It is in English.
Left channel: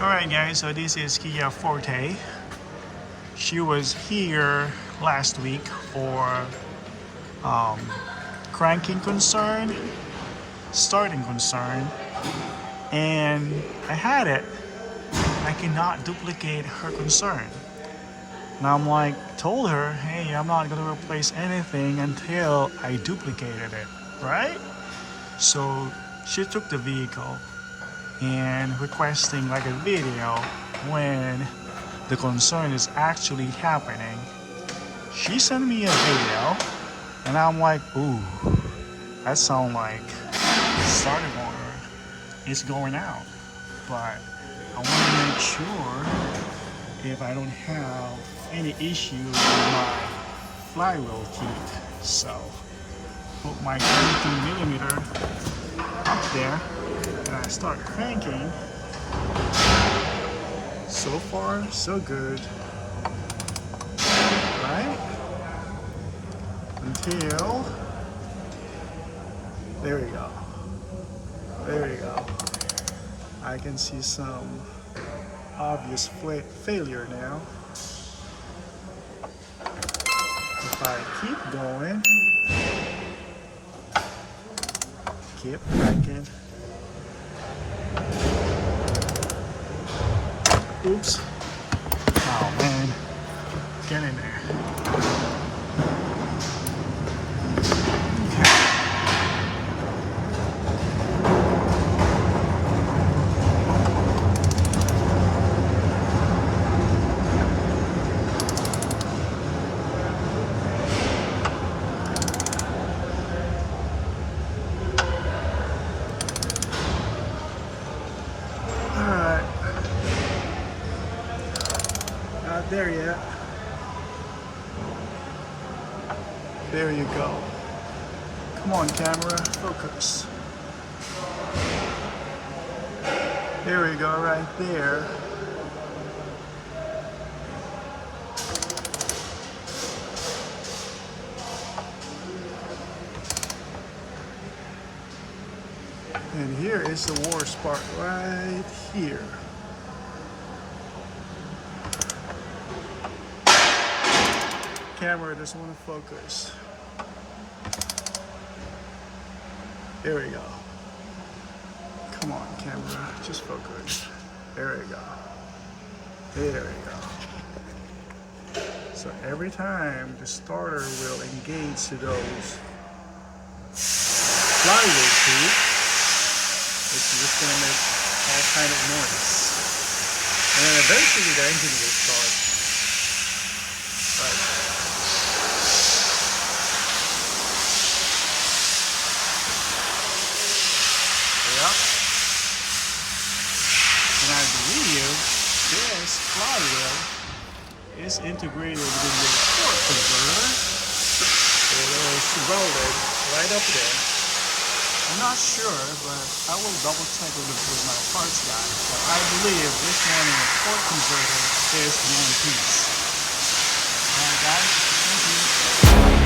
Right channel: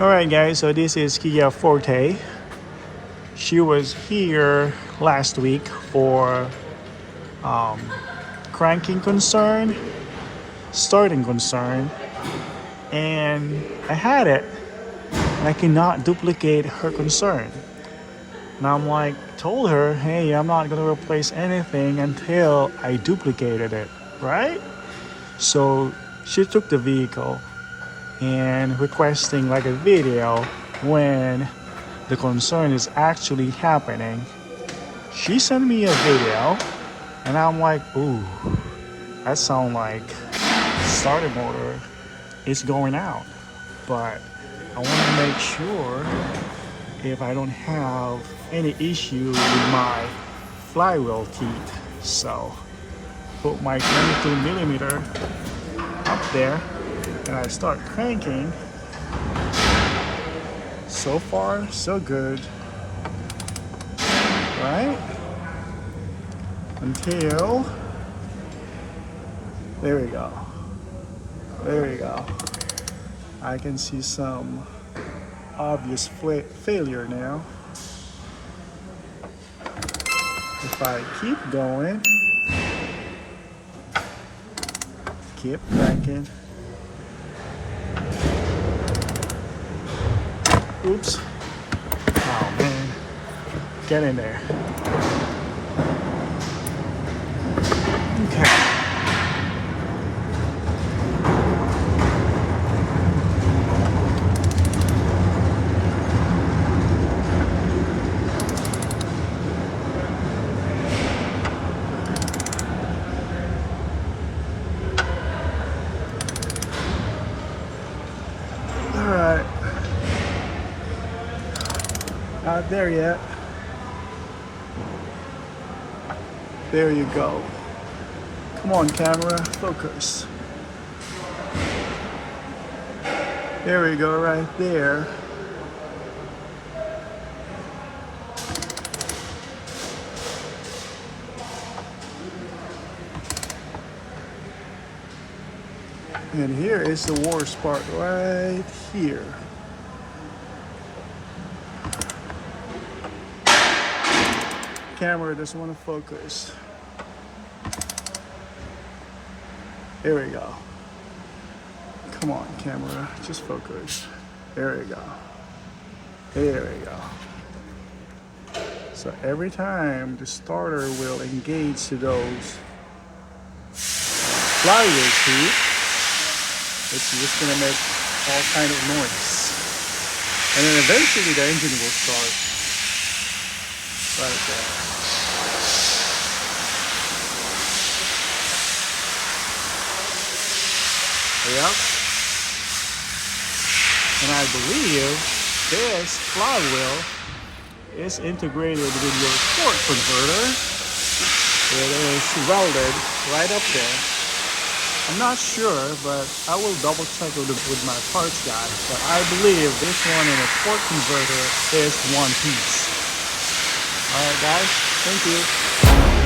Alright guys, so this is Kia Forte. She was here last week for cranking concern, starting concern, and I had it. I cannot duplicate her concern. And I'm like, told her, hey, I'm not gonna replace anything until I duplicated it, right? So she took the vehicle and requesting like a video when the concern is actually happening. She sent me a video and I'm like, ooh, that sounds like starter motor is going out. But I want to make sure if I don't have any issue with my flywheel teeth. So put my 22mm up there and I start cranking. So far, so good, right? Until, there we go. There we go. I can see some obvious failure now. If I keep going, keep cranking. Oops. Oh man. Get in there. Okay. Alright. Not there yet. There you go. Come on, camera, focus. There we go, right there. And here is the worst part, right here. Camera doesn't want to focus. There we go. Come on, camera, just focus. There we go. There we go. So every time the starter will engage to those flywheel teeth, it's just gonna make all kind of noise. And then eventually the engine will start right there. Yep. And I believe this flywheel is integrated with your FORTE converter. It is welded right up there. I'm not sure, but I will double check with my parts guy. But I believe this one in a FORTE converter is one piece. Alright guys, thank you.